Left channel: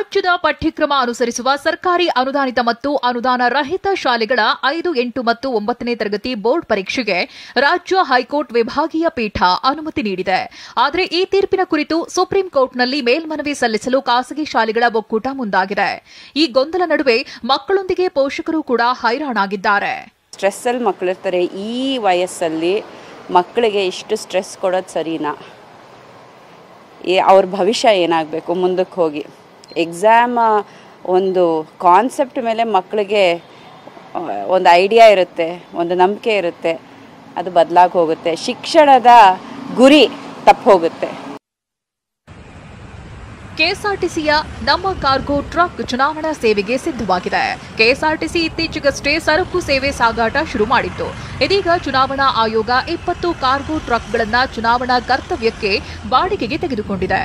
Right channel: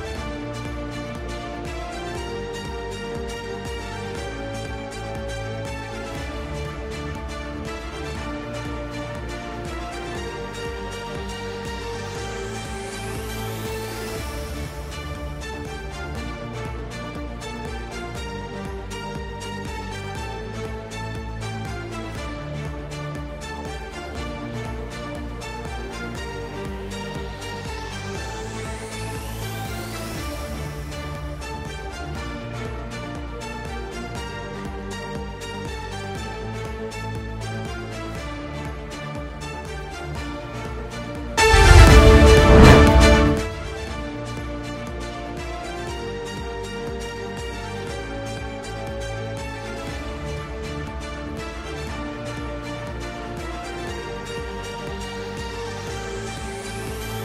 ರಾಜ್ಯದ ಪಠ್ಯಕ್ರಮ ಅನುಸರಿಸುವ ಸರ್ಕಾರಿ ಅನುದಾನಿತ ಮತ್ತು ಅನುದಾನ ರಹಿತ ಶಾಲೆಗಳ 5, 8 ಮತ್ತು 9ನೇ ತರಗತಿ ಬೋರ್ಡ್ ಪರೀಕ್ಷೆಗೆ ರಾಜ್ಯ ಹೈಕೋರ್ಟ್ ವಿಭಾಗೀಯ ಪೀಠ ಅನುಮತಿ ನೀಡಿದೆ. ಆದರೆ ಈ ತೀರ್ಪಿನ ಕುರಿತು ಸುಪ್ರೀಂ ಕೋರ್ಟ್ನಲ್ಲಿ ಮೇಲ್ಮನವಿ ಸಲ್ಲಿಸಲು ಖಾಸಗಿ ಶಾಲೆಗಳ ಒಕ್ಕೂಟ ಮುಂದಾಗಿದೆ. ಈ ಗೊಂದಲ ನಡುವೆ ಮಕ್ಕಳೊಂದಿಗೆ ಪೋಷಕರು ಕೂಡ ಹೈರಾಣಾಗಿದ್ದಾರೆ. ಸ್ಟ್ರೆಸ್ ಅಲ್ಲಿ ಮಕ್ಕಳಿರ್ತಾರೆ. ಈ ವಯಸ್ಸಲ್ಲಿ ಮಕ್ಕಳಿಗೆ ಇಷ್ಟು ಸ್ಟ್ರೆಸ್ ಕೊಡೋದು ಸರಿನಾ? ಅವ್ರ ಭವಿಷ್ಯ ಏನಾಗಬೇಕು ಮುಂದಕ್ಕೆ ಹೋಗಿ? ಎಕ್ಸಾಮ್ ಒಂದು ಕಾನ್ಸೆಪ್ಟ್ ಮೇಲೆ ಮಕ್ಕಳಿಗೆ ಒಂದು ಐಡಿಯಾ ಇರುತ್ತೆ, ಒಂದು ನಂಬಿಕೆ ಇರುತ್ತೆ, ಅದು ಬದಲಾಗಿ ಹೋಗುತ್ತೆ. ಶಿಕ್ಷಣದ ಗುರಿ ತಪ್ಪು ಹೋಗುತ್ತೆ. ಕೆಎಸ್ಆರ್ಟಿಸಿಯ ನಮ್ಮ ಕಾರ್ಗೋ ಟ್ರಕ್ ಚುನಾವಣಾ ಸೇವೆಗೆ ಸಿದ್ಧವಾಗಿದೆ. ಕೆಎಸ್ಆರ್ಟಿಸಿ ಇತ್ತೀಚೆಗಷ್ಟೇ ಸರಕು ಸೇವೆ ಸಾಗಾಟ ಶುರು ಮಾಡಿತ್ತು. ಇದೀಗ ಚುನಾವಣಾ ಆಯೋಗ 20 ಕಾರ್ಗೋ ಟ್ರಕ್ಗಳನ್ನು ಚುನಾವಣಾ ಕರ್ತವ್ಯಕ್ಕೆ ಬಾಡಿಗೆಗೆ ತೆಗೆದುಕೊಂಡಿದೆ.